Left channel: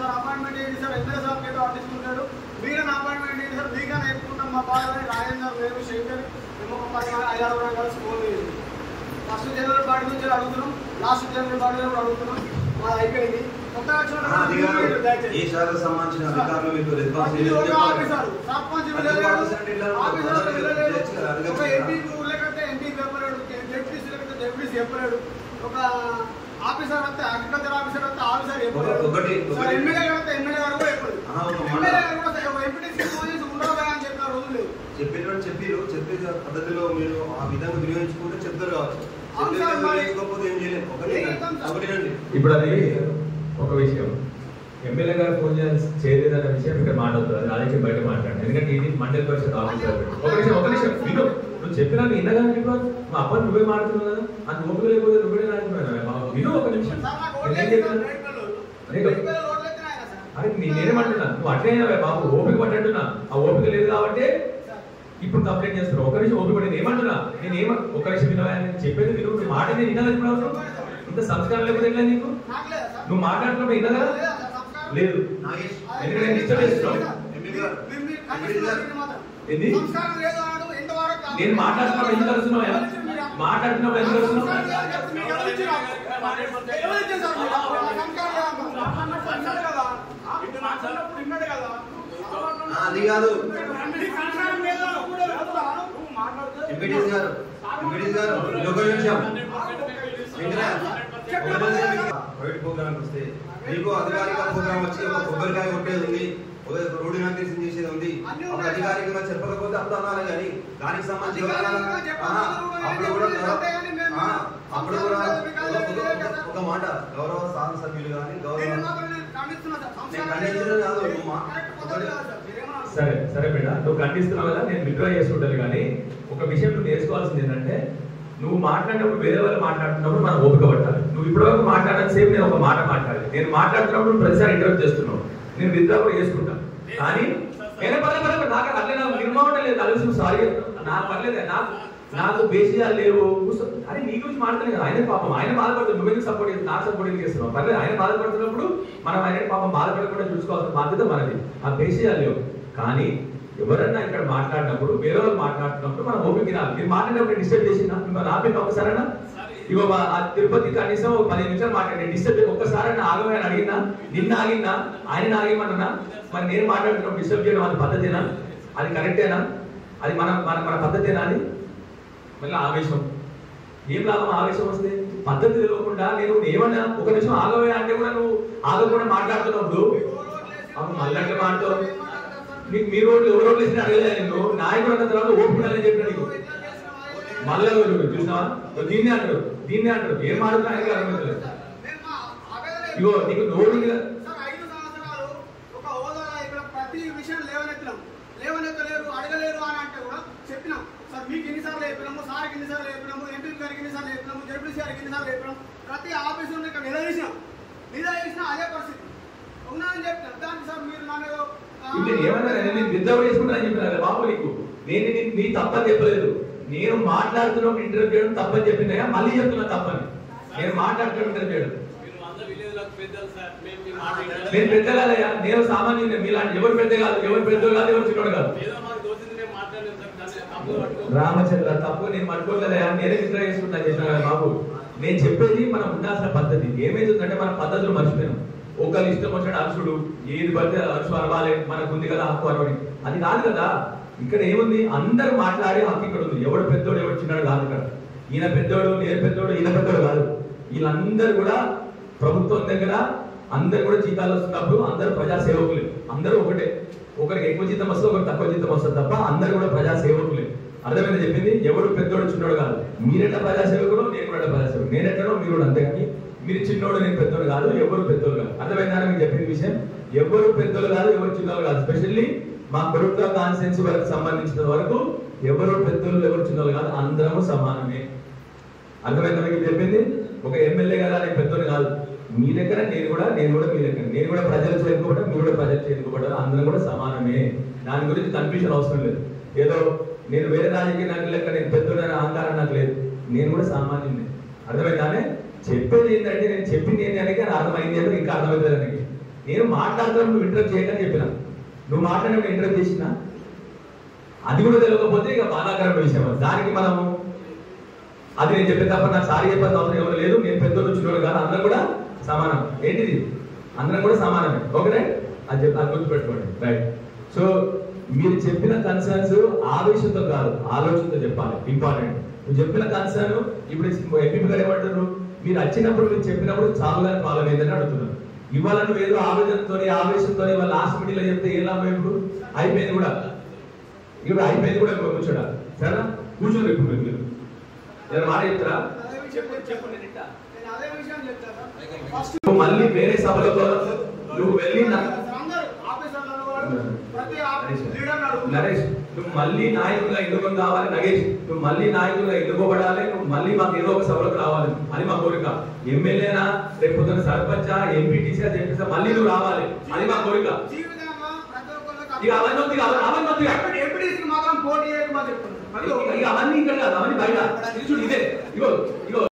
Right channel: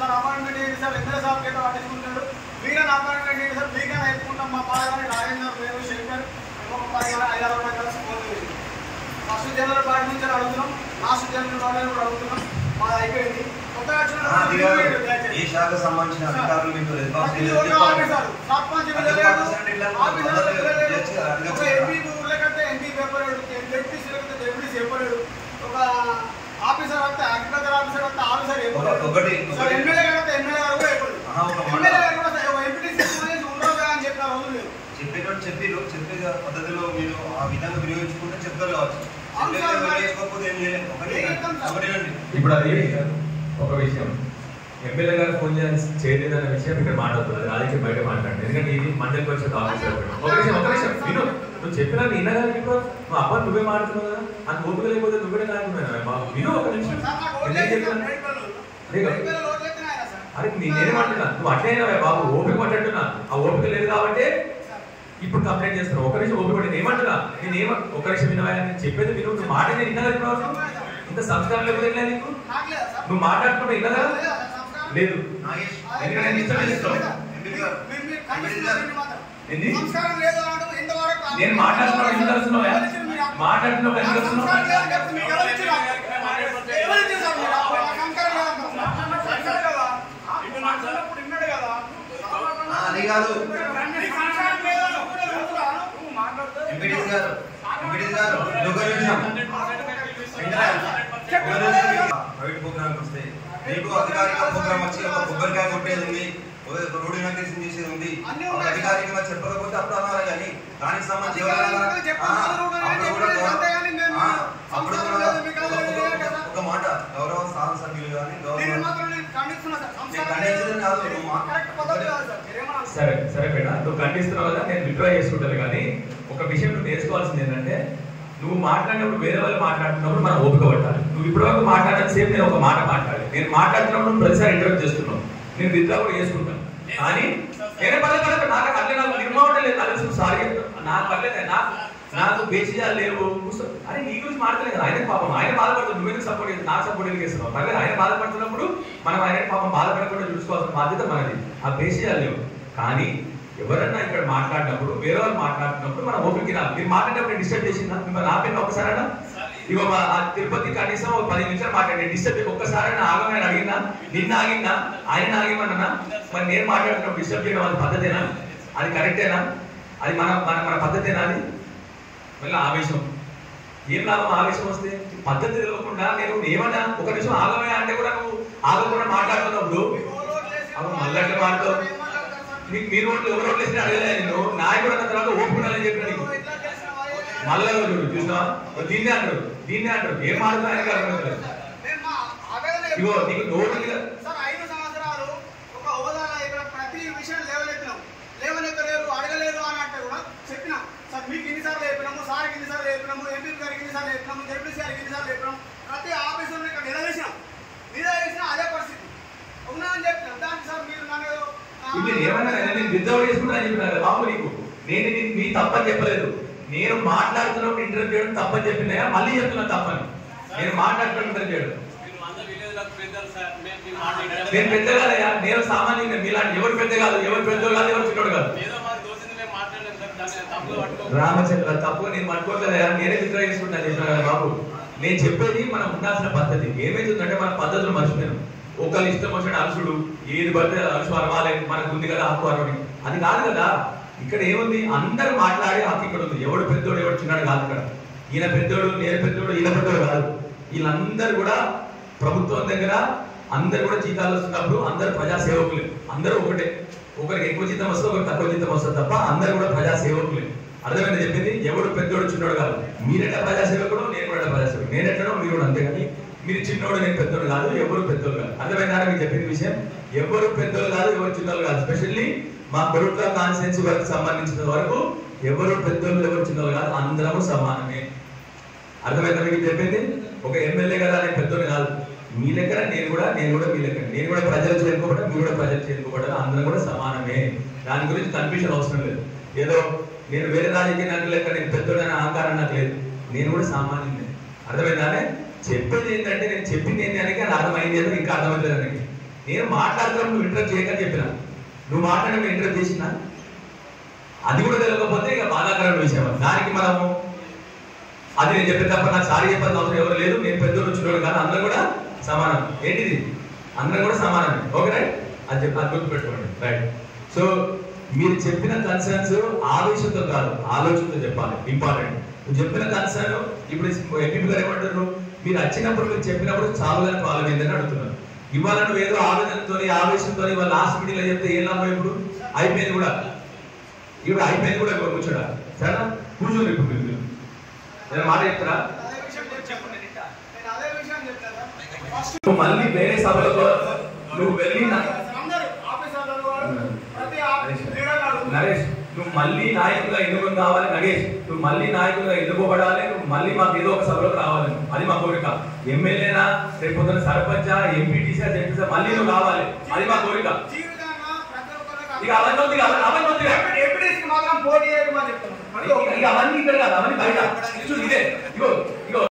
Sir appointment ఏంటి sir MLA sir కేട്ടോ పట్టించుకుంటారు మీరైనా అపాయింట్మెంట్ ఏంటి సార్ మీకైనా ఎత్తుకుంటాం మా బాగా రాజేందర్ వేరు శేఖర్ మేము 5-6 స్కూల్ ఫస్ట్ జనరల్ బాడీ నుంచి అడుగుతున్నాం లాస్ట్ జనరల్ బాడీ కూడా అడుగుతున్నాం మా అయిపోయింది ఈ శాఖకు సంబంధించిన అధికారులు మీకు రెస్పాన్సిబిలిటీ ఒక ఆఫీసర్ వస్తే అగ్రికల్చర్ ఆఫీసర్ వస్తే ఆఫీసర్ ఎమ్మెల్యే కడితే ఎమ్మెల్యే గారు కూడా చెప్పేటప్పుడు చెప్పే పద్ధతిలో మీరు ఆ విధంగా వినియోగించుకుంటే చెప్తారు కావచ్చు. వినియోగించుకోకపోతే ఏం చేయలేము. ఇప్పుడు అది ఒక విషయం ఎమ్మెల్యే గారు ఫోన్ చేయలేదన్న విషయం ఇక్కడ మాట్లాడుతుంది. అది రాజకీయ బయట మాట్లాడండి. ఎందుకంటే ఇది మండలి పరిషత్ ఆఫీసర్. ఒక నిమిషం విను. నువ్వు చెప్పినా విన్నగా ఇప్పుడు నువ్వు అబ్బాయి నువ్వే మాట్లాడుతున్నావు కదా. అంత ఓపిక లేకపోతే నువ్వే కాకపోయినా విను. ఒక నిమిషం అరే నేనేమంటున్నా నువ్వు అట్లే బాబు ఓపిక పట్టంటున్నా. ఆ ఓపిక లేదు కాబట్టి ఇప్పుడు కంప్లైంట్ చేస్తున్నావు. ఒక నిమిషం ఓపిక పట్టి నేనేమంటున్నా ఒక నిమిషం వినవా నేను చెప్పేది విను. నువ్వు మాట నేను విన్నా ఇప్పుడు ఇంత సంస్కారం లేకపోతే నీకు నువ్వు మాట్లాడుతుంటే విన్నదా లేదు. ఎందుకంటే నేను ఇష్టం చేస్తున్నావు. నేను మాట్లాడుతున్నా ఎందుకు కలుస్తున్నావు మాట్లాడుతున్నావు ఎందుకు కలుస్తున్నావు అది కాదు ఎంపీటీసీ గారు ఒక నిమిషం ప్రైవేట్ ప్రోగ్రామ్కి వస్తే మీకు అధికారిక ప్రోగ్రామ్ వచ్చి ఒక కొబ్బరికాయ కొట్టేది ఉంది, ఒక రోడ్డు ఇనాగ్రేషన్ చేసేది ఉంది. ఒక అధికారికంగా చెప్పకపోతే అప్పుడు అనాలి. కానీ దానికి సంబంధించి అప్పుడు కూడా ఒక మాట గౌరవ శాసన సభ్యులు కానీ సరే మేడం నువ్వు ఖండిస్తున్నావు కదా నేను విత్డ్రా చేసుకుంటాను. కానీ ఒక విషయం నువ్వు నేర్చుకోవాల్సింది ఏంటంటే నువ్వు మాట్లాడినప్పుడు వేరే వాళ్ళు మాట్లాడుతున్నప్పుడు మనం ఓపిక పట్టాలి. నువ్వు ఇప్పటివరకు మాట్లాడిన సేపు నేను ఒక మాట మాట్లాడాలి. నేను మాట్లాడుతున్నప్పుడు ప్రతిసారి ఇంటరప్ట్ చేస్తున్నావు. నేను విత్డ్రా కూడా చేసుకుంటాను. కానీ నేనే పర్లేదు నాకు అట్లే నాకు నిర్మాణం లేదు. అలసి సారీ చెప్తాను నాకు పర్లేదు. నాకు బేసిజాలు లేవు. అరే నీ గురించి మాట్లాడలేదు కదా. ఆయన పాపం ఆయన బాధపడుతుంది. నువ్వెందుకు సపోర్ట్ చేసి నాకు సపోర్ట్ ఎందుకు చేస్తున్నావు? పర్లేదు ఆయన బాధపడుతున్నప్పుడు మనం ఆయన పాపం బాధపడకుండా చూసుకోవాల్సిన బాధ్యత మనది. ఆ బేసిజాలు లేవు. కానీ ఎవరన్నా ఇక్కడ మాట్లాడినప్పుడు వేరే వాళ్ళు మాట్లాడుతున్నప్పుడు మనం ఓపిక తినాలి. మీరు మాట్లాడినప్పుడు డిస్టర్బ్ చేసిందా మిమ్మల్ని ఆపిన ఒక్కసారైనా? ఇగో తిరుపతి కనీసం 10 నిమిషాలు మాట్లాడి డిస్టర్బ్ ఒక్కసారైనా ఆగమని అడిగినా నిన్న ఆగిందా ఆయన ఆగమన్నా? మరి నేను మాట్లాడుతున్నప్పుడు డిస్టర్బ్ చేయడం అది పద్ధతేనా? అది కరెక్టేనా? అది మన మన పద్ధతేనా? అది మళ్ళీ ఆవేశం ఏం లాభం? ఆవేశం వస్తే పద్ధతి తెలియకుండా నేను ఏమన్నా ఒక నిమిషం ఆగమయ్యా అంటే కూడా నువ్వు ఆగకుండా మాట్లాడుతున్నప్పుడు మళ్ళీ అట్లా మాట్లాడు. నీకు మీ రోడ్లు ఎవరు రోడ్లు ఇస్తే అడగలే. నేను నాయకుడు అన్న తర్వాత ఓపుకుండాలని చెప్పిన నీకు మళ్ళా చూడు చూసినావా? దీన్నే అంటారు ఏం మాట్లాడుతున్నా ఆయనకి అర్థమవుతుంది. ఇగో నీకు నోడు ప్రతి విషయం లేవనెత్తలేరు అడగలేదు అని అంటే కూడా చెప్పిన సార్ మీకు ఎన్నిసార్లు చెప్పినాము, సార్కి ఎన్నిసార్లు చెప్పినాము, ఎంపీ గారికి ఎన్నిసార్లు చెప్పినాము, జడ్పీసీ గారికి ఎన్నిసార్లు చెప్పినాము. ప్రతి ఆఫీసులో ఇక్కడ నిలదీసినా అదే పరిస్థితి ఉన్నా అని చెప్పిన దానికి సార్ మీరు నన్ను ఏమన్నా నేను విత్డ్రా చేసుకుంటా అని చెప్పిన బాబు నీకు నేను నీ తప్పని చెప్పలేదు. నేను మాట్లాడుతున్నప్పుడు ఇంటర్వ్యూ చేయడం తప్పని చెప్పినా మళ్ళీ చెప్తున్నా తప్పని. నేను మాట్లాడుతున్నప్పుడు ఇంటర్వ్యూ చేయడం నేను పెద్ద కాదయ్యా. నేను సామాన్యుడు. మీలాంటి ఎవరు పెద్ద కాదు, ఎవరు చిన్నోడు కాదు. రామచంద్ర తప్పు నేను పట్టుకోలేదయ్యా. నేనే విత్డ్రా చేసుకుంటా చెప్పిన కదా బాబు. నేను చెప్పేది మనం ఉండాల్సిన పద్ధతి. ఏమైతుందంటే మన పద్ధతులు మర్చిపోయాను. ఒకళ్ళు ఇష్టం వచ్చిన అరుసుడు ఏది పడితే అరుసు అరవాలి మనకు ఉంది కదా హక్కు అరవని అది కాదు కదా. ఇక్కడ ఏముంది? అందరూ మాట్లాడే హక్కు ఇక్కడ ఉంది. ఎవడు పెద్దోడు ఎవడు చిన్నాడు కాదు. ఇక్కడ ఈయన పెద్దోడు నేను పెద్దోడు ఈయన పెద్దోడు కాదు. వీళ్ళందరూ కూడా ప్రభుత్వం దగ్గర అందరు కూడా జీతాలు వస్తున్నప్పుడు అందరూ ప్రజాసేవకులే. అందరూ ఒకటే. ఒకరికి ఎక్కువ జీతం వస్తుంది, ఒకరికి తక్కువ జీతం వస్తుంది తప్ప అందరు కూడా ప్రజాసేవకులే. అర్థమైంది చెప్పింది? ఎవడు పెద్దోడు చిన్నోడు కాదు. మీరెట్ట ప్రజాసేవకుడు నేను కూడా ప్రజాసేవకుడు. నేనెట్టడో మీరు కూడా అంతే. కానీ మీరు చిన్నోడు నేను పెద్దోడు కాదు, ఎవరు పెద్దోడు కాదు. అర్థమైందా మీకు చెప్పిన విషయం? ఎవరు పెద్దోడు కాదు, ఎవరు చిన్నోడు కాదు. ఎస్పెషల్లీ మా కొడుకుల కాన్స్టిట్యున్సీ వరకు సంబంధించిన వరకు ఎవరు పెద్దోళ్ళు ఎవరు చిన్నోళ్ళు కాదు, అందరము సమానమే. అర్థమైందా మీకు చెప్పింది? ఒక ఎమ్మెల్యే కదా నేను పెద్దోడు కాదు. మీ దగ్గర నేను కూడా మీ దగ్గర నేను కూడా ప్రజలు చేరుకోవడం, మీరు కూడా ప్రజలు చేరుకోవడం, అందరం కూడా సమానమే. దాని గురించి కన్ఫ్యూజన్ అవసరం లేదు. ఏదో నేను వేరే రాజకీయ నాయకుల లెక్క నేను పెద్దోడైన అహంకారం నాకు లేదు. నేను కూడా సామాన్యుడే. అర్థమైందానే? చెప్పేది ఏంటంటే నేను చెప్పింది ఏంటి అని అర్థమైంది ఏదో ఇంకా అర్థమవుతుంది. నేను మాట్లాడుతాను, నువ్వు ఇంటరప్ట్ చేయకని చెప్పిన. నువ్వు మాట్లాడిన ఇంటరప్ట్ చేసినా అది కూడా తెలియకపోతే ఇక బాధాకరమైన విషయం. దానికి మనము అది నేను చెప్పే తప్ప నాకు సారీ చెప్పాల్సిన అవసరం ఎవరు లేదు. నేను పెద్దోడు చిన్నోడు కాదు, అందరూ కూడా సమానం. ఏంటిది, అందరం కూడా సమానమే. ఓకే రైట్, అది గుర్తుపెట్టుకోండి. రైట్. సో మీరు చెప్పిన కన్సర్న్స్ ఆవేశంతో కాదు, ఆలోచనతో చెప్పాలి. ఇంపార్టెంట్. నువ్వు చెప్పిన కన్సర్న్ ఇప్పుడు ఎంపీ గారు ఏమంటారు, మీరు వచ్చినప్పుడు మీరు చెప్పినప్పుడు చావులని ఫాలో అయిందని అడుగుతున్నారు. ఇవాళ నువ్వు ఏదో ఆవేదనతో ఆవేశంతో వాళ్ళ లాస్ట్ మీటింగ్ లో చెప్తే ఏం లాభం? ఇప్పుడు అయిపోయింది కూడా, ఇప్పుడు అయిపోయింది కూడా. ఇప్పుడు కూర్చోడా, సరేనా? కూర్చోండి. ఇప్పుడు మీరు నేను మాట చెప్తారా? నువ్వు మళ్ళీ వేరే సభలో నువ్వు వెళ్ళి నరేష్, నువ్వు మళ్ళీ నాయకులుగా ఎన్నుకొని కావాలి. నగేష్, నువ్వు మళ్ళీ నాయకులుగా ఎన్నుకోబడాలి. నువ్వు మళ్ళీ మాకు ఏదో ఒక సభలోకి రావాలి. అది మా కోరిక. ఎమ్మెల్యేనా, రేపు పొద్దున సర్పంచా, ఎంపీటీసా, జెడ్పీసా, మళ్ళీ నువ్వు రావాలి. అది మా కోరిక. ఇక అవన్నీ అవన్నీ ఇక్కడ కాదు, అవన్నీ బయట. ఇదే ఇగో ఇగో